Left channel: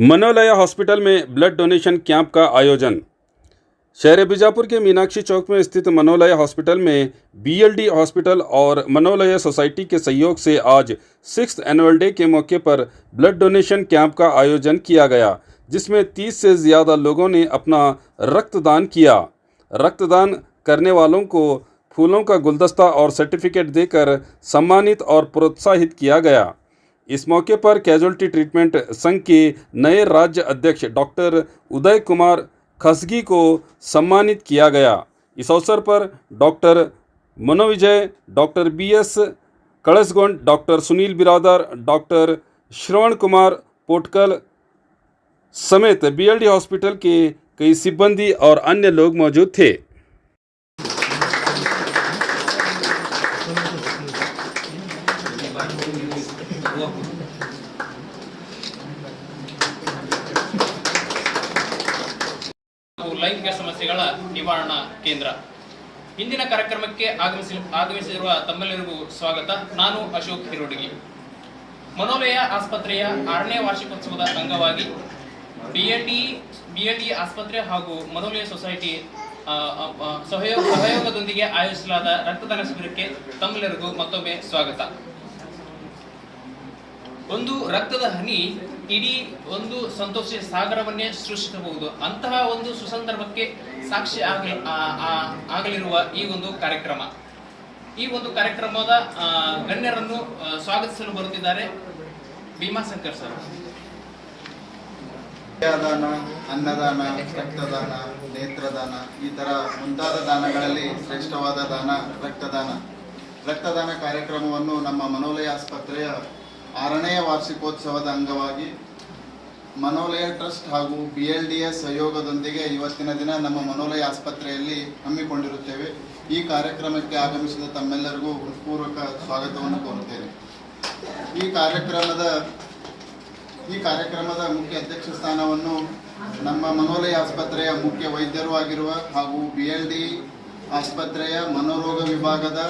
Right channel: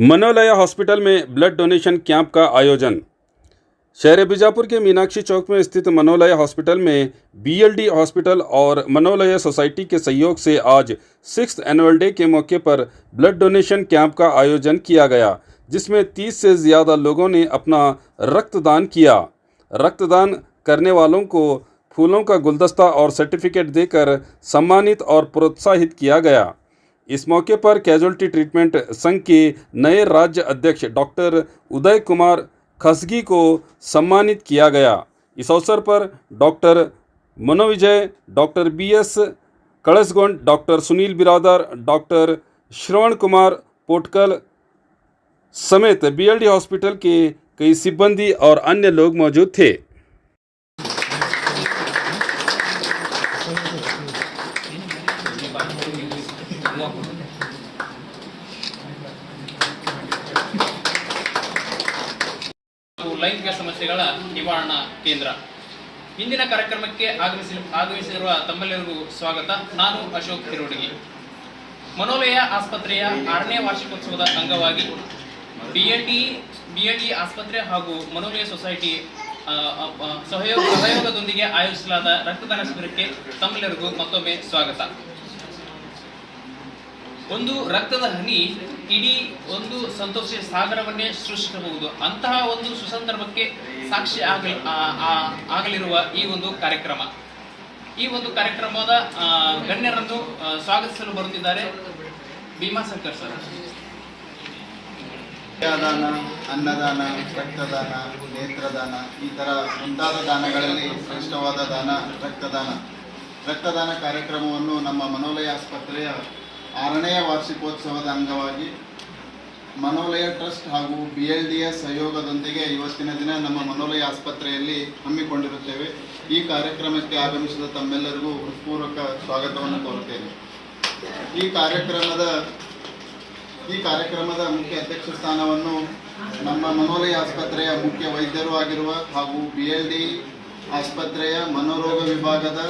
मनोलया hospital में blood donation camp का आयोजन। शहर बीजापुर के मीनाक्षी चौक में स्थित मनोलया हॉस्पिटल में बीएलडी हॉस्पिटल और मनोलया सोसाइटी के सहयोग से आज 6th एनुअल डे के मौके पर ब्लड डोनेशन कैंप का आयोजन किया गया, जिसमें 30 से ज़्यादा लोगों ने अपना रक्तदान किया। रक्तदान करने वालों को फूलों का गुलदस्ता और सर्टिफिकेट देकर सम्मानित और प्रोत्साहित किया गया। इस मौके पर कैजुअल्टी ट्रीटमेंट संघ के नए राज्य अध्यक्ष डॉक्टर उदय कुमार खसगी को सम्मानित किया गया। इस अवसर पर doctor Manovijay, doctor BS Kalashgond, doctor Sunil Biradar, doctor Shravan Kumar पोटकल समेत बीएलडी हॉस्पिटल के कई सिब्बंदी और अन्य लोग मौजूद थे। ಲೈಂಗಿಕ ಸಮಸ್ಯೆಗಳ ನಿವಾರಣಾ ಕೇಂದ್ರ ಇಂದಿನ ಕಾರ್ಯಕ್ರಮಕ್ಕೆ ಆಗಮಿಸಿರುವ ತಮ್ಮೆಲ್ಲರಿಗೂ ಸ್ವಾಗತ. ನಾನು ಅಶೋಕ್ ಹಿರೋಡಗಿ. ಮನೋಲಯ ಆಸ್ಪತ್ರೆಯ 6ನೇ ವಾರ್ಷಿಕೋತ್ಸವದ ಅಂಗವಾಗಿ ಬಿಎಲ್ಡಿ ಆಸ್ಪತ್ರೆ ಹಾಗೂ ಮನೋಲಯ ಸೊಸೈಟಿ ಸಹಯೋಗದೊಂದಿಗೆ ಆಯೋಜಿಸಲಾದ ರಕ್ತದಾನ ಶಿಬಿರಕ್ಕೆ ತಮ್ಮೆಲ್ಲರಿಗೂ ಮತ್ತೊಮ್ಮೆ ಸ್ವಾಗತ. ಒಂದು ರಕ್ತದ ಹನಿ ಇಡೀ ಒಂದು ಸಂತೋಷ ಸಾಗರವನ್ನೇ ಸೃಷ್ಟಿಸಬಹುದು. ಅಂತಹ ಒಂದು ಸುಸಂದರ್ಭಕ್ಕೆ ಸಾಕ್ಷಿ ಆಗಲಿರುವ ಈ ಒಂದು ಕಾರ್ಯಕ್ರಮದ ಗಣ್ಯರನ್ನು ಸ್ವಾಗತಿಸಲು ಬರುತ್ತಿದ್ದಾರೆ ಭೀಮಾಶಂಕರ್ ಸರ್. ದಾನ, ಅನ್ನದಾನ, ರಕ್ತದಾನ, ನೇತ್ರದಾನ ಈ ಥರ ಮುಂತಾದ ದಾನಗಳಲ್ಲಿ ಶ್ರೇಷ್ಠವಾದ ದಾನ ರಕ್ತದಾನ ಕಾರ್ಯಕ್ರಮವನ್ನು ನಮ್ಮ ಮನೋಲಯ ಆಸ್ಪತ್ರೆಯ 6ನೇ ವಾರ್ಷಿಕೋತ್ಸವದ ಅಂಗವಾಗಿ ಮನೋಲಯ ಟ್ರಸ್ಟ್ ಹಾಗೂ BLDಯ ಸಹಯೋಗದೊಂದಿಗೆ ಇವತ್ತಿನ ದಿನ ನಮ್ಮ ಮನೋಲಯ ಆಸ್ಪತ್ರೆಯಲ್ಲಿ ಹಮ್ಮಿಕೊಂಡಿರುತ್ತೇವೆ. ಈ ಕಾರ್ಯಕ್ರಮಕ್ಕೆ ಆಗಮಿಸಿದ ತಮ್ಮೆಲ್ಲರಿಗೂ ಹೃತ್ಪೂರ್ವಕ ಸ್ವಾಗತವನ್ನು ಕೋರುತ್ತೇನೆ. ಈ ಕಾರ್ಯಕ್ರಮದ ಮುಖ್ಯ ಅಧ್ಯಕ್ಷ ಸ್ಥಾನವನ್ನು ನಮ್ಮ ಮನೋಲಯ ಆಸ್ಪತ್ರೆಯ ಮುಖ್ಯ ವೈದ್ಯರು ಆಗಿರುವ ಹಾಗೂ BLD ಆಸ್ಪತ್ರೆಯ ಮನೋರೋಗ ವಿಭಾಗದ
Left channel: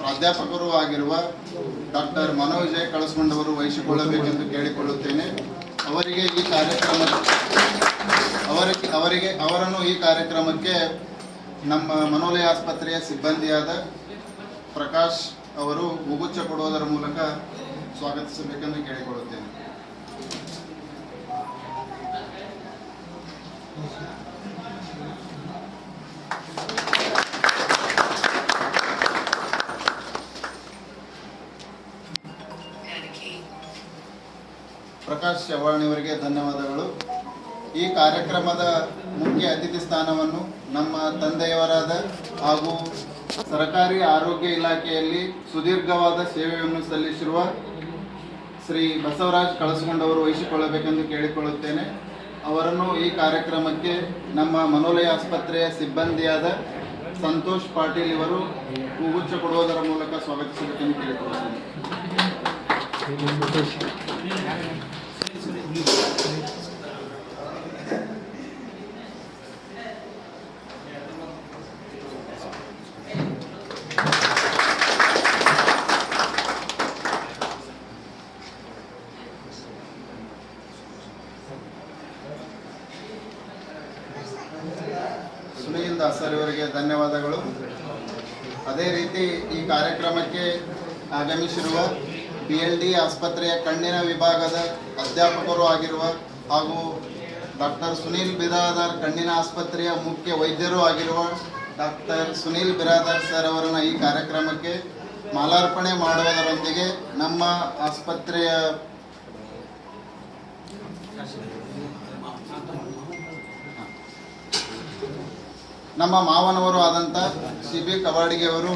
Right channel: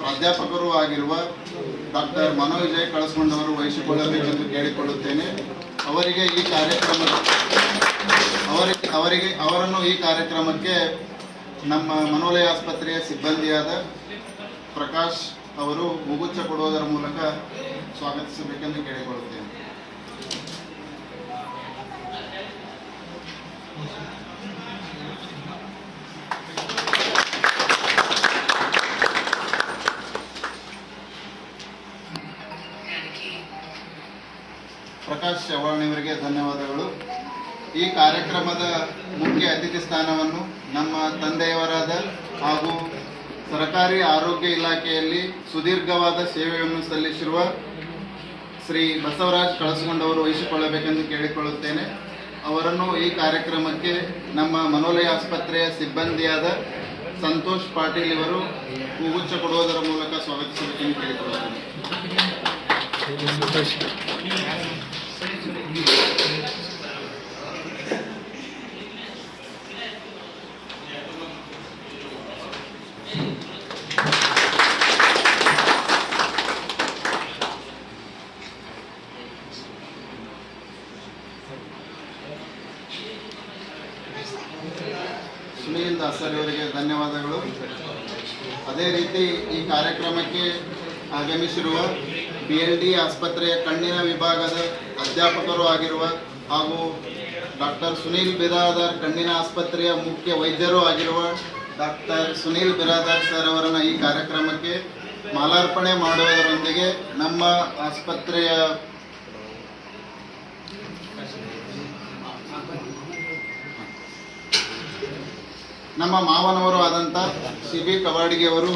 ಪ್ರಾಧ್ಯಾಪಕರು ಆಗಿರುವ ಡಾಕ್ಟರ್ ಮನೋವಿಜಯ ಕಳಸ್ಗೊಂಡವರು ವಹಿಸಿಕೊಳ್ಳಬೇಕೆಂದು ಕೇಳಿಕೊಳ್ಳುತ್ತೇನೆ. ಅವರನ್ನು ಈ ಕಾರ್ಯಕ್ರಮಕ್ಕೆ ನಮ್ಮ ಮನೋಲಯ ಆಸ್ಪತ್ರೆಯ ಸಿಬ್ಬಂದಿಯಾದ ಪ್ರಕಾಶ್ ಅವರು ಹೂಗುಚ್ಛ ಕೊಡುವುದರ ಮೂಲಕ ಸ್ವಾಗತಿಸಬೇಕೆಂದು ಕೇಳಿಕೊಳ್ಳುತ್ತೇನೆ. ಪ್ರಕಾಶ್ ಚವ್ಹಾಣ್ಯವರಿಗೆ ಧನ್ಯವಾದಗಳು. ಈ ಕಾರ್ಯಕ್ರಮದ ಮುಖ್ಯ ಅತಿಥಿ ಸ್ಥಾನವನ್ನು ನಮ್ಮ ತಂದೆಯವರಾದ ಹಾಗೂ ಸರ್ಕಾರಿ ಆರೋಗ್ಯ ಇಲಾಖೆಯಲ್ಲಿ ಸುದೀರ್ಘವಾದ ಸೇವೆಯನ್ನು ಸಲ್ಲಿಸಿರುವ ಶ್ರೀ ಬಸವರಾಜ್ ಕಳಸಗೊಂಡವರು ವಹಿಸಿಕೊಳ್ಳಬೇಕೆಂದು ಕೇಳಿಕೊಳ್ಳುತ್ತೇನೆ. ಅವರನ್ನು ಈ ಕಾರ್ಯಕ್ರಮಕ್ಕೆ ನಮ್ಮ ಮನೋಲಯ ಆಸ್ಪತ್ರೆಯ ಸಿಬ್ಬಂದಿಯಾದ ಸಂತೋಷ್ ಪಾಟೀಲ್ ಇವರು ಹೂಗುಚ್ಛ ಕೊಡುವುದರ ಮೂಲಕ ಸ್ವಾಗತಿಸಬೇಕೆಂದು ಕೇಳಿಕೊಳ್ಳುತ್ತೇನೆ. ಸುನೀಲ್ ದಾಸರ್ ಅವರಿಗೆ ಧನ್ಯವಾದಗಳು. ಅದೇ ರೀತಿ ಈ ಕಾರ್ಯಕ್ರಮಕ್ಕೆ ಆಗಮಿಸಿರುವ BLD ಆಸ್ಪತ್ರೆಯ ಕಣ್ಣಿನ ವಿಭಾಗದ ಅಧ್ಯಾಪಕರು ಆಗಿರುವ ಹಾಗೂ ಡಾಕ್ಟರ್ ಸುನೀಲ್ ಬಿರಾದರ್ ಕಣ್ಣಿನ ಆಸ್ಪತ್ರೆಯ ಮುಖ್ಯ ವೈದ್ಯರು ಆಗಿರುವ ಡಾಕ್ಟರ್ ಸುನೀಲ್ ಬಿರಾದರ್ ಸರ್ ಅವರನ್ನು ಈ ಕಾರ್ಯಕ್ರಮಕ್ಕೆ ಮಾಲಾರ್ಪಣೆ ಮಾಡುವುದರೊಂದಿಗೆ ನಮ್ಮ ಮಾವನವರು ಆದಂಥ CB ಕವಾಡಿಗೆ ಅವರು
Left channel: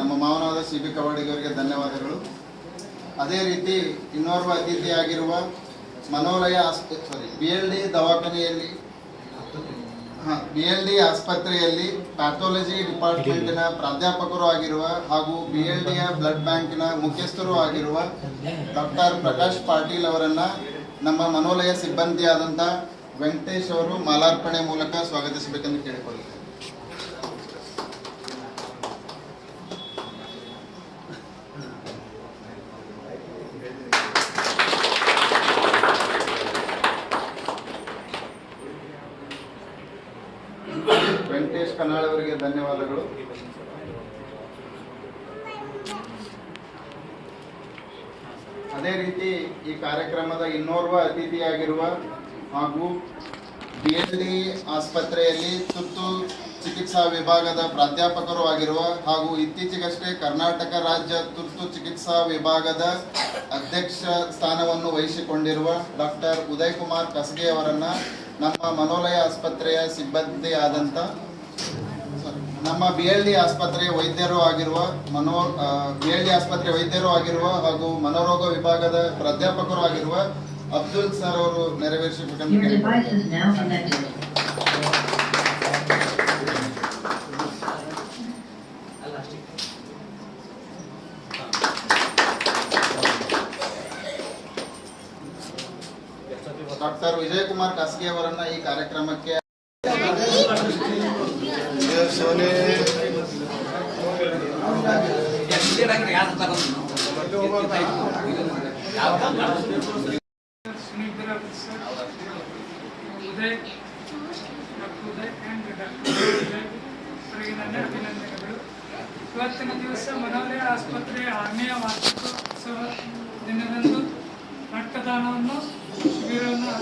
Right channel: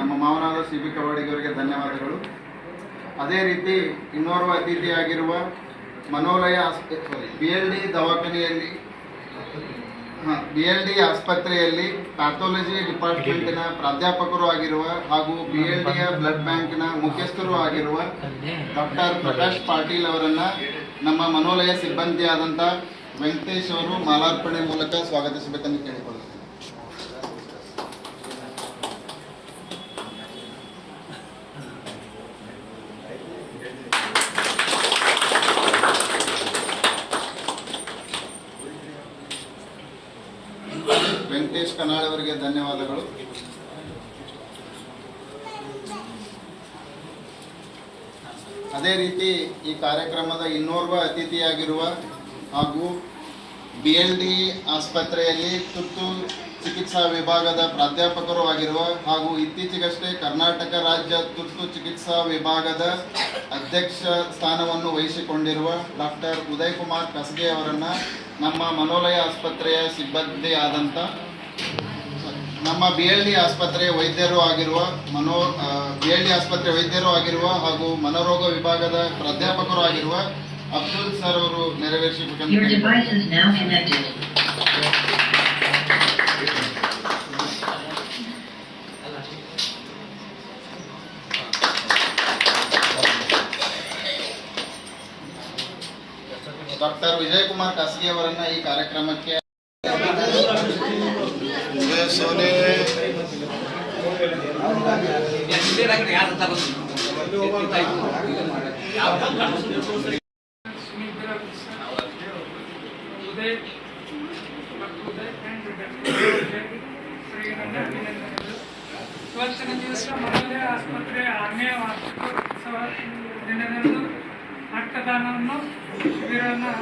ನಮ್ಮ ಮಾವನಾದ CB ಕವಾಡಿಗೆ ಧನ್ಯವಾದಗಳು. ಅದೇ ರೀತಿ ಇನ್ನೋರ್ವ ಅತಿಥಿಯಾಗಿರುವ ಮನೋಲಯ BLD ಆಸ್ಪತ್ರೆಯಲ್ಲಿ ಪ್ಯಾಥಾಲಜಿ ಡಿಪಾರ್ಟ್ಮೆಂಟಿನ ಪ್ರಾಧ್ಯಾಪಕರು ಆಗಿರುವ ಹಾಗೂ BLDಯ ಬ್ಲಡ್ ಬ್ಯಾಂಕ್ನ ಮುಖ್ಯಸ್ಥರು ಆಗಿರುವ ಡಾಕ್ಟರ್ ಪ್ರಕಾಶ್ ಪಾಟೀಲ್ ಅವರನ್ನು ನಮ್ಮ ಮನೋಲಯ ಸಿಬ್ಬಂದಿಯಾದಂಥ ವೆಂಕಟೇಶ್ ಅವರು ಮಾಲಾರ್ಪಣೆ ಮೂಲಕ ಸ್ವಾಗತಿಸಬೇಕೆಂದು ಕೇಳಿಕೊಳ್ಳುತ್ತೇನೆ. ವೆಂಕಟೇಶ್ ಕನಾಳ್ ಅವರಿಗೆ ಧನ್ಯವಾದಗಳು. ಅದೇ ರೀತಿ ಈ ಕಾರ್ಯಕ್ರಮದ ಇನ್ನೋರ್ವ ಅತಿಥಿಯಾಗಿರುವ ಹಾಗೂ BLD ಆಸ್ಪತ್ರೆಯಲ್ಲಿ ತುರ್ತು ಚಿಕಿತ್ಸಾ ವಿಭಾಗದ ಪ್ರಾಧ್ಯಾಪಕರು ಆಗಿರುವ ಹಾಗೂ ಇತ್ತೀಚೆಗಷ್ಟೇ ಕರ್ನಾಟಕ ರಾಜ್ಯ ತುರ್ತು ಚಿಕಿತ್ಸಾ ವಿಭಾಗದ ಅಧ್ಯಕ್ಷ ಸ್ಥಾನವನ್ನು ವಹಿಸಿಕೊಂಡಿರುವ ಡಾಕ್ಟರ್ ಉದಯ್ ಕುಮಾರ್ ಕಸಗೆ ಅವರನ್ನು ನಮ್ಮ ಮನೋಲಯ ಆಸ್ಪತ್ರೆಯ ಸಿಬ್ಬಂದಿ ಆದಂಥ ನಮ್ಮ BLD ಆಸ್ಪತ್ರೆಯ ವೈದ್ಯರು ಆಗಿರುವ BLD ಆಸ್ಪತ್ರೆ ವೈದ್ಯರು ಆಗಿರುವ ಹಾಗೂ ಮನೋರೋಗ ವಿಭಾಗದ ಪ್ರಾಧ್ಯಾಪಕರು ಆಗಿರುವ ಅಬ್ದುಲ್ ಸರ್ ಅವರು ನೆರವೇರಿಸಬೇಕೆಂದು Your device is now connected. Doctor Vijay Kumar ಖಾಸಗಿ ಅವರನ್ನ ಈ ಕಾರ್ಯಕ್ರಮಕ್ಕೆ ಉದಯ್ ನನ್ನ ಅಭಿನಂದನೆಗಳು. ಇವತ್ತಿನ ದಿವಸ ಮನೋಲಯ ಆಸ್ಪತ್ರೆ 6ನೇ ವಾರ್ಷಿಕೋತ್ಸವ ದಿನದಂದು ರಕ್ತದಾನವನ್ನು ಶಿಬಿರವನ್ನು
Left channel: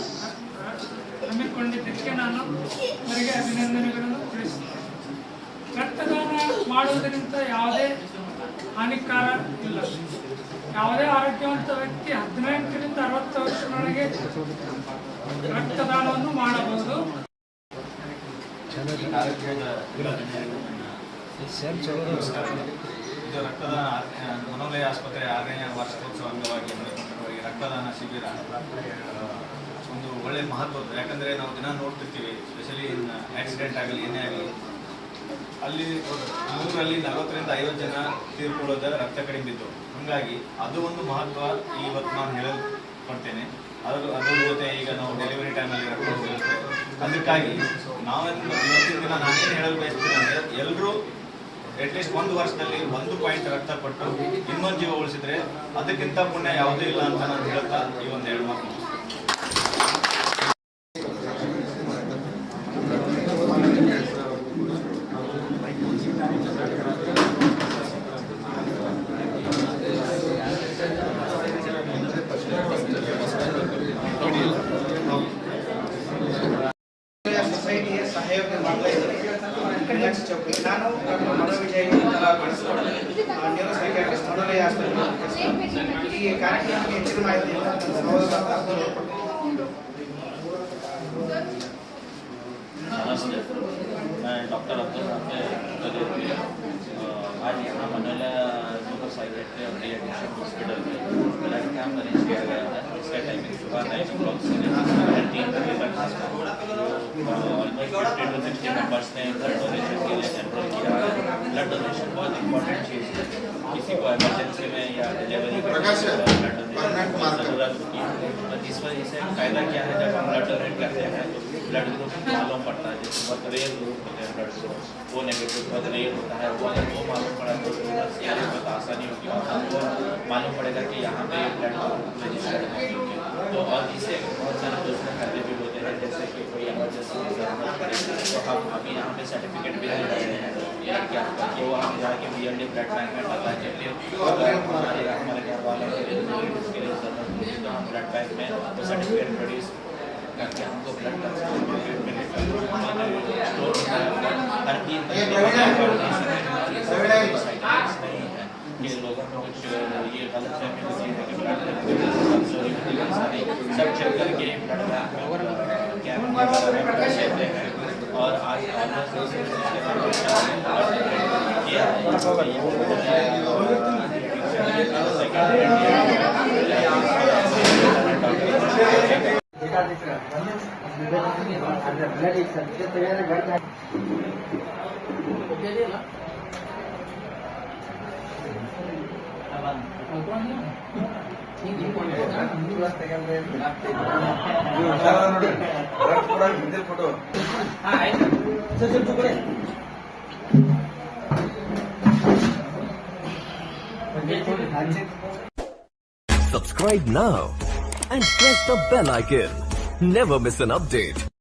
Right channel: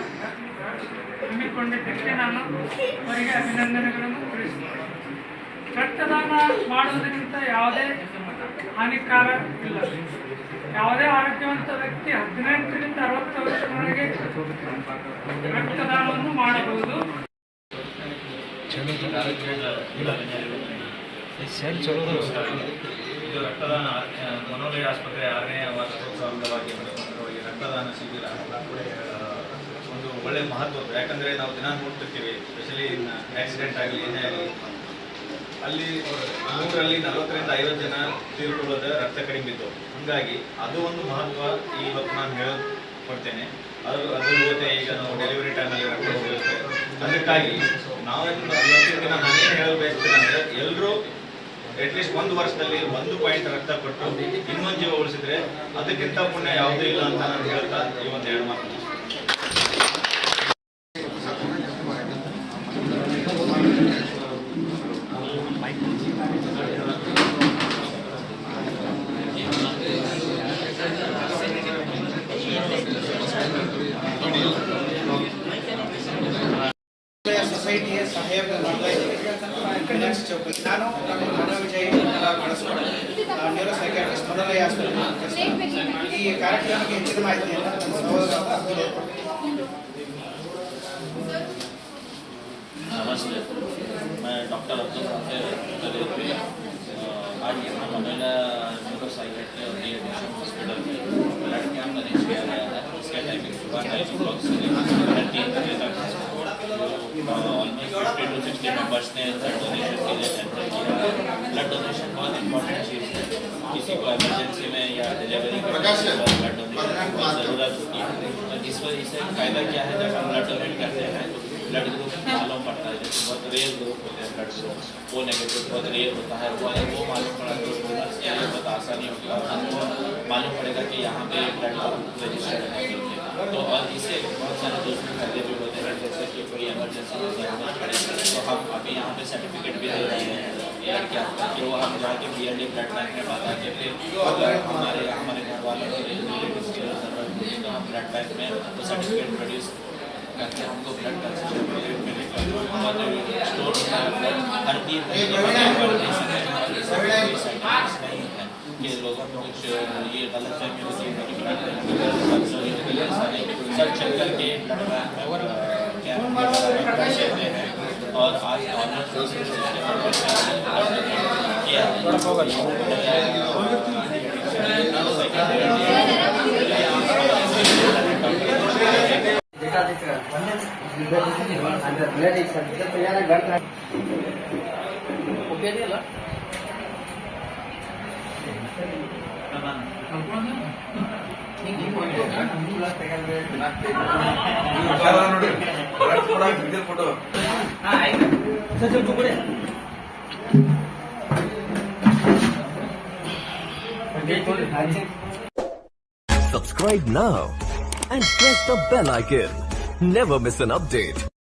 ಹಮ್ಮಿಕೊಂಡಿದ್ದಕ್ಕೆ ನಾನು ಅವರಿಗೆ ಅಭಿನಂದನೆಗಳನ್ನು ತಿಳಿಸುತ್ತೇನೆ. ರಕ್ತದಾನ ಮಾಡುವುದರಿಂದ ಯಾವುದೇ ಹಾನಿಕಾರ ಇಲ್ಲ. ಯಾವುದೇ ಆರೋಗ್ಯವಂತ ವ್ಯಕ್ತಿ 18ರಿಂದ 60 ವರ್ಷದೊಳಗೆ ರಕ್ತದಾನವನ್ನು ಮಾಡಬಹುದು. ಇದು ರಕ್ತದಾನ ಮನೋಲಯ ಆಸ್ಪತ್ರೆ 6ನೇ ವಾರ್ಷಿಕೋತ್ಸವ ಅಂಗವಾಗಿ ಹಮ್ಮಿಕೊಂಡಿರುವ ಈ ರಕ್ತದಾನ ಶಿಬಿರ ಒಂದು ಒಳ್ಳೆ ಮಹತ್ವ. ಯಾಕಂದರೆ ನಾವು ದಿನ ನೋಡ್ತಿರ್ತೀವಿ, ಸ್ಪೆಷಲಿ ಆಕ್ಸಿಡೆಂಟ್ ಆಗಲಿ ಏನೇ ಆಗಲಿ, ಅಲ್ಲಿ 100ರಲ್ಲಿ 40ರಿಂದ 50 ಜನ ತೀರ್ಕೊಳ್ಳೋದ ರಕ್ತ ಕಡಿಮೆ ಬಿದ್ದು. ಹಾಗಾಗಿ ಅದು ಒಂದು ಮಹತ್ವ ಇವತ್ತು ನಾನು ಹೇಳ್ಕೊಡ್ತೇನೆ. ಅದ್ರ ಜೊತೆ ಈಗ ನಾವು ಡೆಲಿವರಿ ಟೈಮಲ್ಲಿ ರಕ್ತ ಹೋಗಿರುತ್ತೆ. ಅದಕ್ಕಾಗಿ ಇವತ್ತಿನ ದಿನ ನಾನೇನು ಹೇಳಲು ಬಯಸ್ತೀನಿ ಅಂದರೆ, ಎಲ್ಲರೂ ಅಟ್ಲೀಸ್ಟ್ 1 ವರ್ಷದಲ್ಲಿ 1 ಪಾಯಿಂಟ್ ರಕ್ತ ಕೊಟ್ಟು ಇನ್ನೊಂದು ಜೀವ ಉಳಿಸಿದ್ರೆ ಅದಕ್ಕಿಂತ ಪುಣ್ಯ ಯಾವುದೂ ಇಲ್ಲ ಅಂತ ನಾನು ಹೇಳ್ತಾ ಈ ಒಂದು 2 ಮಾತು. ಸೊಸೈಟಿಗೆ ಸಹಯೋಗ ಮಾಡ್ತಾ ಇದ್ದೀನಿ. ಕನ್ಯಾಕ್ಷಿ ಚೌಕಿ ನಾನು ಡಾಕ್ಟರ್ ಮನೋವಿಜಯ್ ನ್ಯೂರೋ ಸೈಕ್ಯಾಟ್ರಿಸ್ಟ್ ಮನೋಲಯ ಆಸ್ಪತ್ರೆ. ಈ ಕಾರ್ಯಕ್ರಮಕ್ಕೆ ಹೆಚ್ಚಿನ ಮಾಹಿತಿಯನ್ನು ನನ್ನ ಸಹೋದರ ಅಬ್ದುಲ್ नमस्ते, मैं डॉक्टर अब्दुल आज यहाँ मनोला न्यूरो साइकेट्री और रिहेबिलिटेशन हॉस्पिटल में ब्लड कैंप अरेंज किया गया है. इसका टाइमिंग सुबह 9 o'clock से 3 बजे तक. ऑलमोस्ट 50 to 60 मेंबर्स ने ब्लड डोनेशन के लिए एनरोल किया है. ब्लड डोनेशन बहुत इंपॉर्टेंट चीज़ है. किसी को इमरजेंसी में या डिलीवरी के ब्लड डोनेशन की ज़रूरत होती है. तो इस वजह से फ़ायदा क्या है, जब हम ब्लड डोनेट करते हैं तो ब्लड ग्रुप मालूम पड़ता है. जैसे बहुत रेयर ग्रुप होते हैं ब्लड ग्रुप, वो नेगेटिव बहुत रेयर होता है. वो मालूम पड़ा तो डोनर्स के लिए बहुत आसानी होगी और हमको मालूम पड़ेगा कि यहाँ पे ब्लड रजिस्टर्ड है. तो और इससे बहुत सारे दूसरे फायदे भी होते हैं, जैसे कि कोई इमरजेंसी की जरूरत पड़े तो हम अभी यहाँ पे सर्टिफिकेट भी दे रहे हैं ब्लड कैंप का. तो हम जाके BLD ब्लड बैंक में बता के फिर हमारे घर वालों के लिए रिलेटिव्स की जरूरत होती है तो हम ब्लड बैंक में वो सर्टिफिकेट प्रोड्यूस करके हमको ब्लड का स्टोर होता है. हर 3 कि लोगों को कुछ ये गलत फहमी होती है कि ब्लड सब चेक करके ब्लड बैंक कैंप देते हैं. और आज ऑलमोस्ट किया blood Subscribe now and press the bell icon. Never miss an update.